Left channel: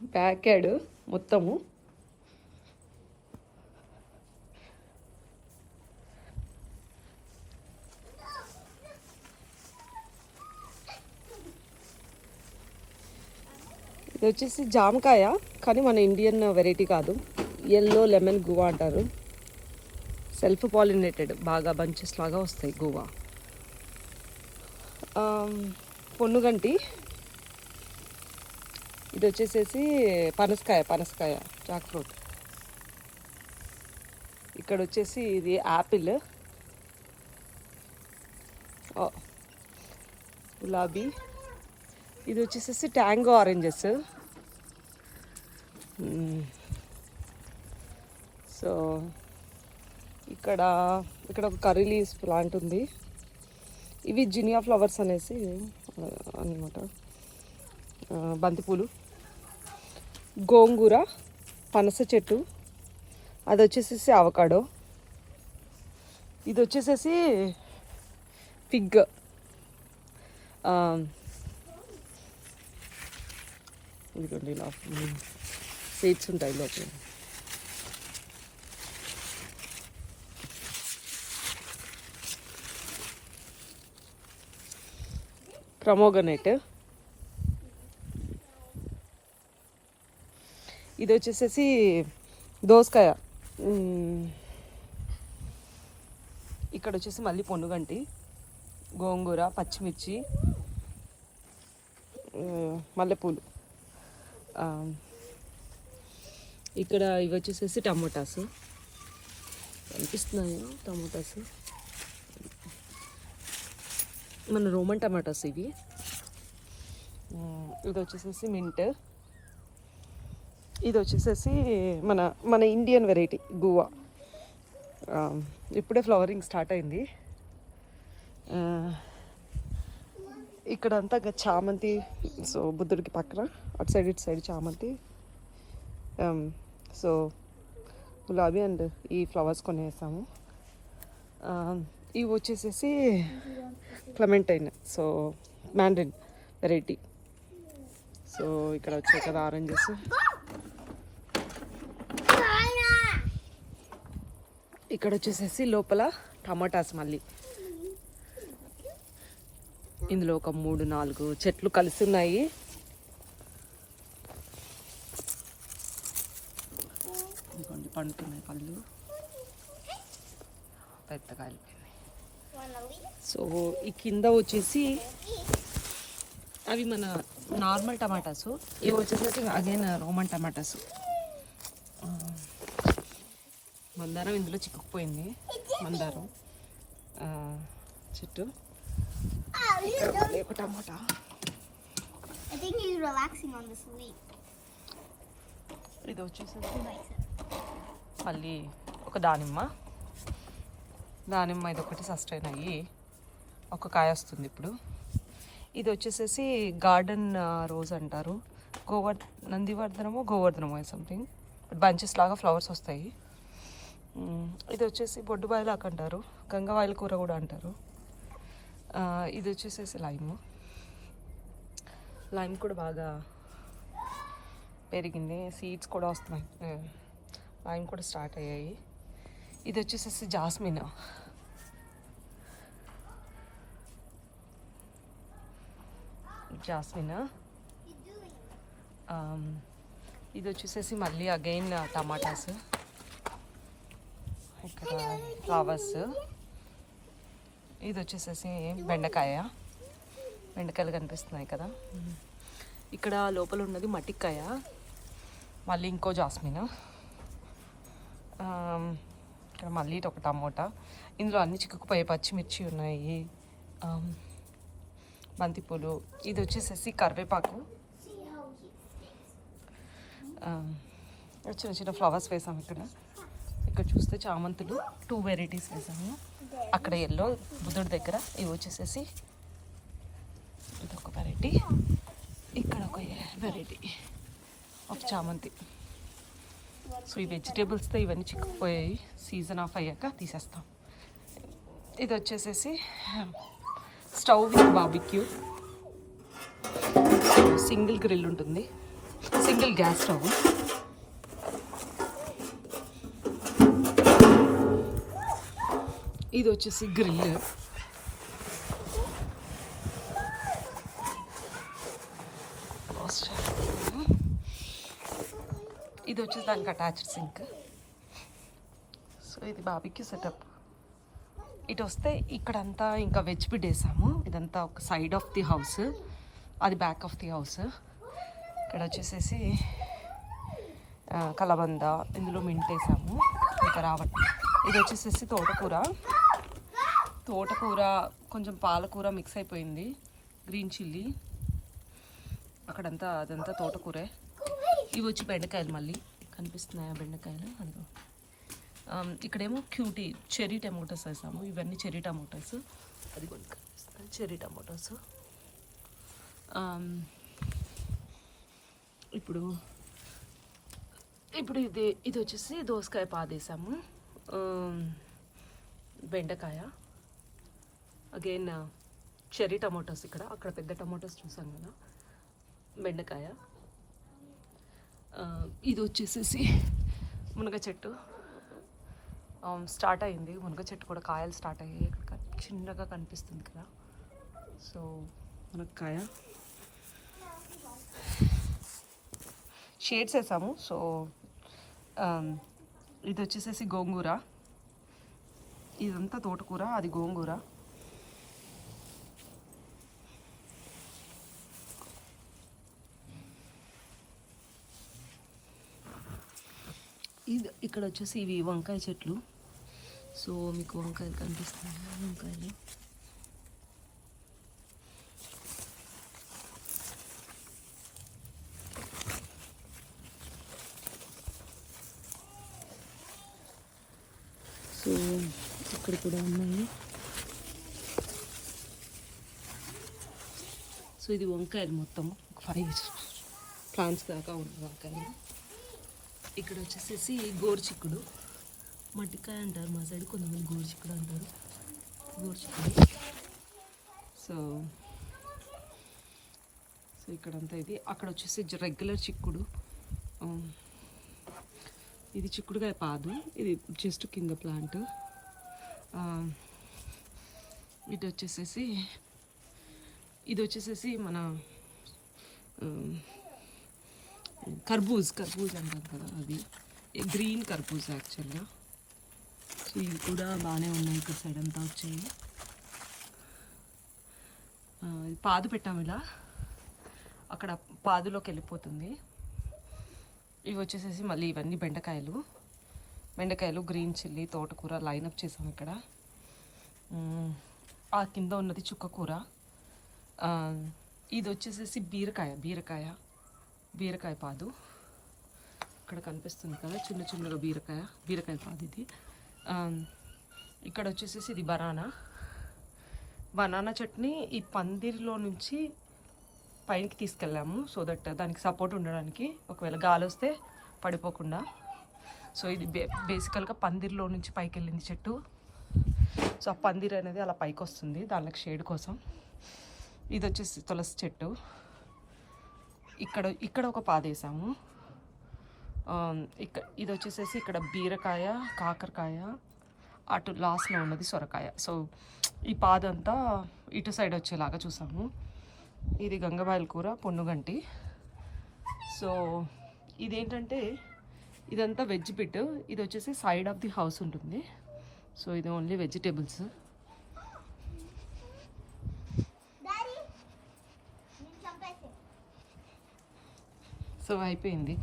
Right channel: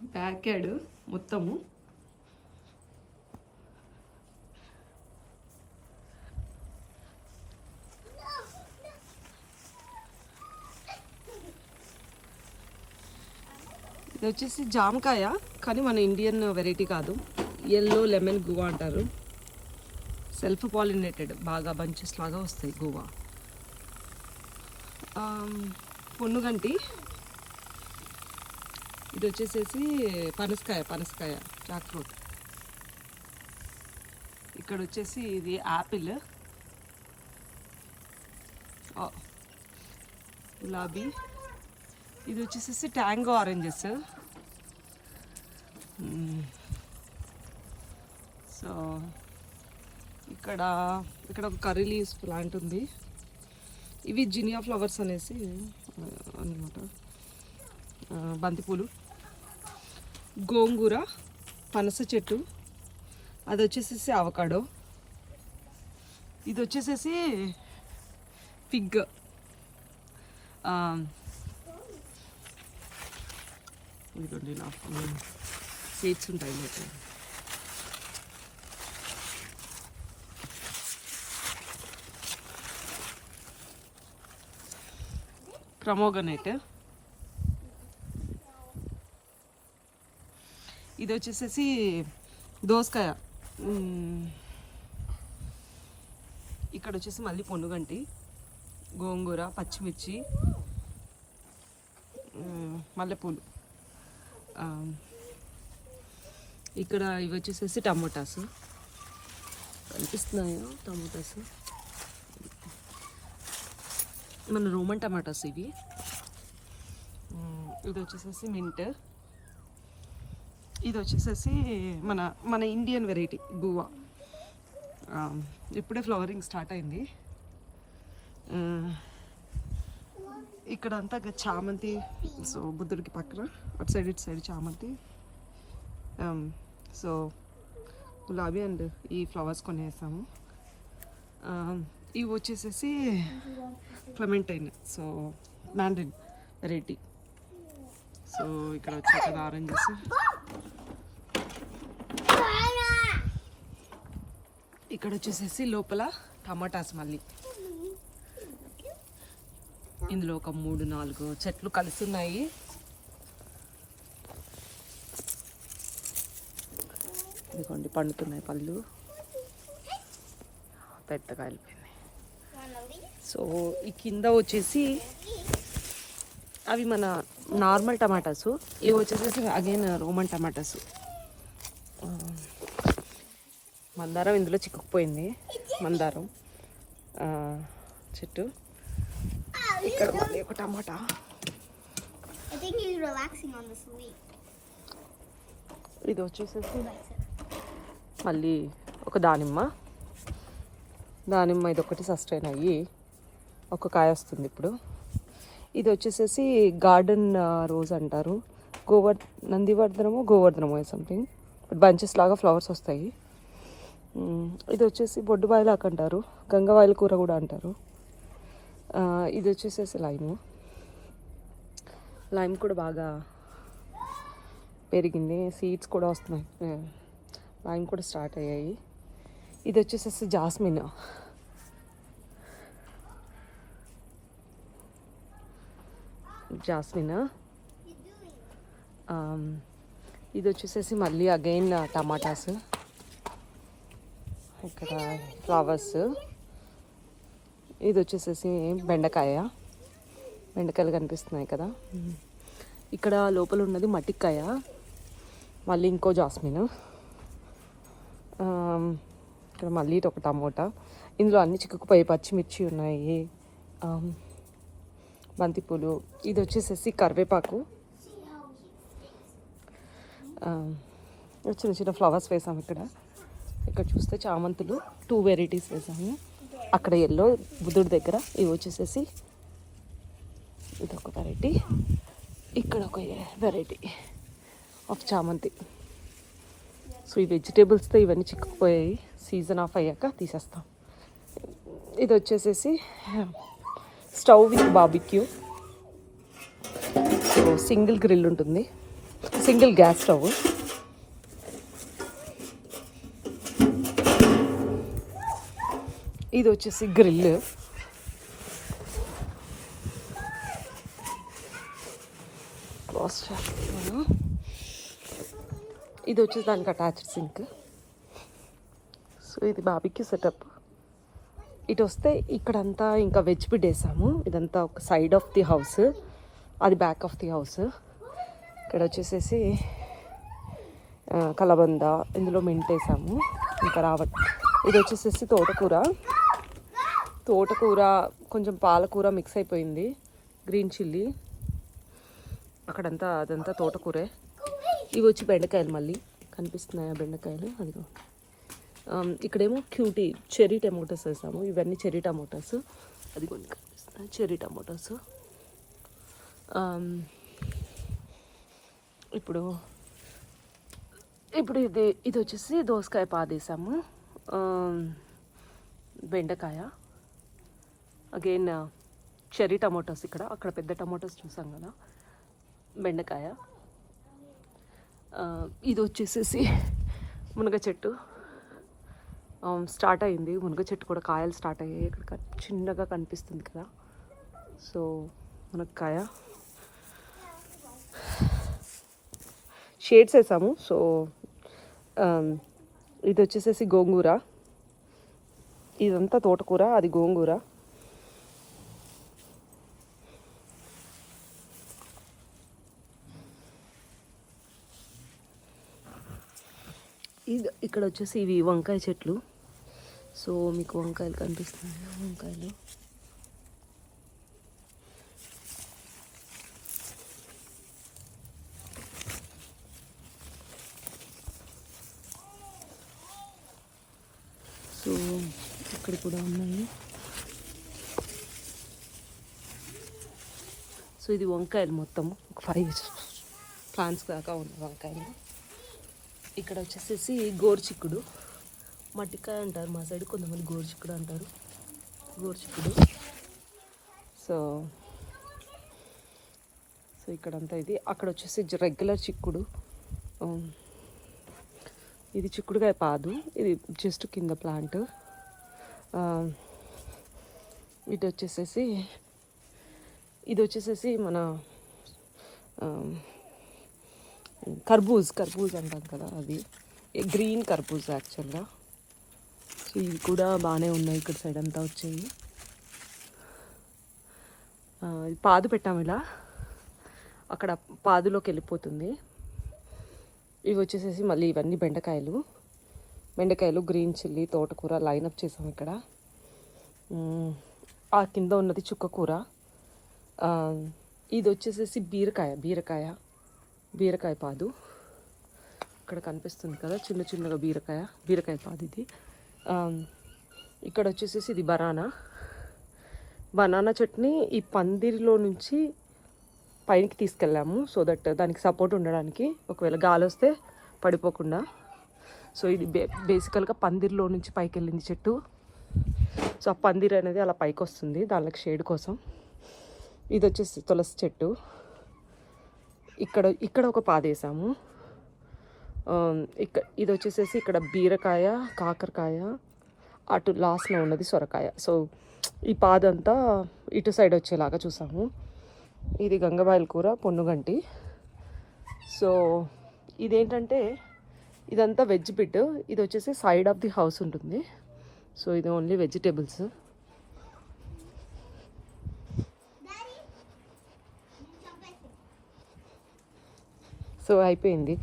Back add మొత్తము. ఇది వచ్చేసి జామకాయ, కానీ మన ఇండియన్ వెరైటీ కాదు. ఎల్లో లెమన్ గువా అంటారు. సెల్ఫ్ పాలినేటెడ్, బాగా బంచెస్ లాగా వస్తాయి గువా. పొన్నుగంటి, ఇది వచ్చేసేసి పనసకాయ జాక్ ఫ్రూట్. ఇక్కడ వచ్చేసి ఇది యాపిల్, గులాబీ. ఇది వచ్చేసేసి ట్యాంగో ఆరెంజెస్. సో ఇక్కడ ఒక కర్రీ లీవ్స్ ప్లాంట్ ఉంది. ఇవి జినియా ఫ్లవర్స్ అనేసి అన్నమాట. బంతిపూలు, గోంగూర, పనస చెట్టు, అది వచ్చేసేసి అవకాడో. ఇది వచ్చేసేసి ఫిగ్, ఇదిగోండి ఇలా సీడ్స్ ఉంటాయి లోపల. ప్రమోగనేట్. ఇది వచ్చేసేసి దోసకాయ. ఇక్కడ వచ్చేసి మళ్ళీ పొన్నుగంటి, గోంగూర, పచ్చిమిర్చి, మల్లెపూలు. ఇక్కడ ఇవి వచ్చేసేసి టమోటాస్ కనిపిస్తున్నాయో, టమోటాస్ మన రోమన్ టమాటాస్ ఇవి. ఇది వచ్చేసేసి మింట్. ఇది వచ్చేసేసి మన ఇండియన్ వెరైటీ గువా. ఇప్పుడే ఫ్లవరింగ్ స్టార్ట్ అయింది. ఇక్కడ అంతా చామంతి. సో బుద్ధుడికి పక్కన అటు సైడ్ ఇటు సైడ్ చామంతి. సో గులాబీ అండ్ ఈ ఫ్లవర్స్ కొనేసాము. ఇవి వచ్చేసేసి clementine, so Mandarin variety. So ఇక్కడ వచ్చాయి కదా ఆరెంజెస్. ఇక్కడ వచ్చేసేసి లోపల టమాటాస్. మళ్ళీ ఇందులో ఒక 3-4 చెట్లు కలిసి ఉన్నాయి. ఇదిగోండి పండుతున్నాయి పళ్ళు, పెద్ద కాయలు. సో ఈ కింద వచ్చేసి అవి మన నార్మల్ టమాటాస్. ఇవి వచ్చేసేసి అగైన్ రోమన్ టమాటాస్. మందారం ఇందులో చిక్కుకుపోయింది, మందారం చెట్టు. ఇక్కడ ఒక టమాటా. ఇది వచ్చేసేసి మళ్ళీ ఒక దానిమ్మ. ఇది ఒకటి సస్టైన్ అయ్యి ఒక కాయ వస్తుంది ఇప్పుడు. ఇది వచ్చేసేసి గార్డెన్ రోజ్ అంటారు. గోవర్ధనమో సంథింగ్, బంచెస్ లాగా ఫ్లవర్స్ వస్తాయి. ఇది వచ్చేసి బొడ్డుబాయిలాక్ అంటారు, గంగవాయిల కూర కూడా అంటారు. ఇది వచ్చేసేసి లైమ్ కూడా బాగా పెరిగింది, సీడ్స్ కూడా వస్తున్నాయి, లైమ్ కూడా స్టార్ట్ అయ్యాయి. ఇది వచ్చేసేసి జాస్మిన్. ఇది వచ్చేసేసి మళ్ళీ అగైన్ టమాటాస్. ఇక్కడ ఫ్లవర్స్. ఇది వచ్చేసేసి బెండకాయలు కనిపిస్తున్నాయి కదా. ఇక్కడ లోపల ఉన్నది మట్టికాయ. మళ్ళీ ఇంకో జాస్మిన్. ఇక్కడ మళ్ళీ ఒక టమోటా. ఇందులో అన్ని చిక్కుకుపోయి పచ్చిమిర్చి ఉన్నాయి, బంతిపూలు. ఇది వచ్చేసేసి కరివేపాకు. చిన్న చిన్న ఫ్లవర్స్ వేసాము. ఇక్కడ చూస్తే చామంతులు 2 వెరైటీస్ వేసాము. అక్కడ ఎల్లో బుద్ధుడి దగ్గర. ఇవి వచ్చేసేసి ఇదొక వెరైటీ, ఇక్కడ ఒక వెరైటీ ఆఫ్ చామంతి. సో ఈ వెజిటేబుల్స్తో ఇవన్నీ చిక్కుపోయాయి, సీజన్ ఆఫ్ అయ్యాక తీసేస్తాం. ఇది వచ్చేసేసి stove with barbecue. Single grill ఉంటుంది. Single gas stove. ఇది వచ్చేసి గ్రిల్. ఇది వచ్చేసి దానికి అటాచ్డ్ సింక్. సో ఇది బాబీకి సెటప్. ఇటు వస్తే ఇక్కడంతా ఇంకా వెజ్ బిడ్ వేసాము. ఇదంతా ఒక సైడ్ ఆఫ్ ది హౌస్, అది బ్యాక్ ఆఫ్ ది హౌస్. ఇక్కడ వచ్చేసేసి కలబంద, ఇందులో మెంటేసాము. ఇంకా రావట్. ఇది వచ్చేసేసి తోటకూర కొంచెం పాలకూర మిక్స్ అయిపోయింది, గ్రీన్ చిల్లీ. అదంతా తోటకూరే. ఇవి వచ్చి బెండకాయలు, మళ్ళీ కనిపిస్తున్నాయా బెండకాయలు? అదిగో. ఇక్కడేమో క్యూటీ చెర్రీ టమోటాస్ వేసాము. ఇవన్నీ చెర్రీ టమోటాస్. అది కొన్ని కనిపిస్తున్నాయి, చెర్రీ టమోటాస్. ఇప్పుడు ఇది వచ్చేసి దోసకాయ పాదేసాము. బెండకాయ, అగైన్ చెర్రీ టమోటాస్. అక్కడ పెద్ద టమోటాస్ చూసాం కదా. బెండకాయ. ఇది వచ్చేసేసి మునగ చెట్టు స్టార్ట్ అయింది. మునగ చెట్టు కూడా కాయలు స్టార్ట్ అయ్యాయి. ఇక్కడ చిన్నగా కనిపిస్తుంది కదా. సో మునక్కాయ షేడ్స్ వేసాము. సో ఇది వచ్చేసేసి గోంగూర. ఇదంతా తోటకూర, అది గోంగూర. ఇక్కడ వచ్చేసి ఇవి వంకాయ చెట్లు. సో మీకు వంకాయలు కనిపిస్తున్నాయి, వంకాయలు. సో ఇక్కడ కూడా ఉన్నాయి. సో ఇది వంకాయలు మొత్తం ఒక 5 ప్లాంట్స్ దాకా ఉన్నాయి వంకాయలు. ఇక్కడ వచ్చేసేసి గోరుచిక్కుడు, మట్టికాయ అంటారు మా సైడ్, కొంతమంది గోరుచిక్కుడు అంటారు. గోరుచిక్కుడు. సో ఇక్కడంతా ఇది. అక్కడ వచ్చేసి రెగ్యులర్ చిక్కుడు. ఇది చిక్కుడుకాయ పాదు. ఇది జస్ట్ కింద ప్లాంట్. ఇది వచ్చేసేసి మన కర్బూజ్ అంటాం కదా, అది గ్రీన్ కర్బూజ్ యాక్చువల్గా. సో ఇవి కూడా బాగానే ఉన్నాయి. ఇక్కడ సైడ్ అంతా వచ్చాయి. పాదు పెట్టాము ఇలా, అక్కడ పాదులోకి వెళ్ళిపోతుంది. ఇవి వచ్చేసేసి మళ్ళీ ఇవన్నీ బెండకాయలు, గ్రీన్ చిల్లీ, తోటకూర లైనప్ చేసాం ఇక్కడ. ఆ కింద ఉన్నది చుక్కకూర. ఇది వచ్చేసేసి బీరకాయ పాదు. ఇక్కడ కనిపిస్తుంది కదా చిన్నగా బీరకాయ పాదు ఇది. ఇక్కడ వచ్చేసేసి ఇది బనానా చట్నీ. ఈ పందిరిలో నుంచి పైకి తీసుకెళ్ళాము, సో దట్ దానికి సపోర్ట్ ఉండడానికి, ఒకవేళ గాలి వస్తే పడిపోకుండా. సో ఇది బేసికల్గా పందిరిలో నుంచి పైకి వెళ్ళింది చెట్టు. సో ఆ పందిరి అనేది అలా పైకి వస్తుంది, దానికి షేడ్ కోసం. ఇది వచ్చేసి తులసి చెట్టు. ఇక్కడ ఒక పాదేసాము. ఇది వచ్చేసేసి ఇక్కడ బీరకాయ, కాకరకాయ, అటు లాస్ట్లో ఉన్నది సొరకాయ. సో ఈ పాదంతా ఇటు సైడ్ వచ్చేలాగా చూసాము. ఇది గంగబాయల కూర, పొన్నుగంటి. సో ఇదేంటంటే ఇదంతా వెజ్ బిట్. ఇది వచ్చేసి సైడ్ ఆఫ్ ది హౌస్ ఉంటుంది. సో ఇది ఓన్లీ వెజిటేబుల్స్. సో అయిపోయింది.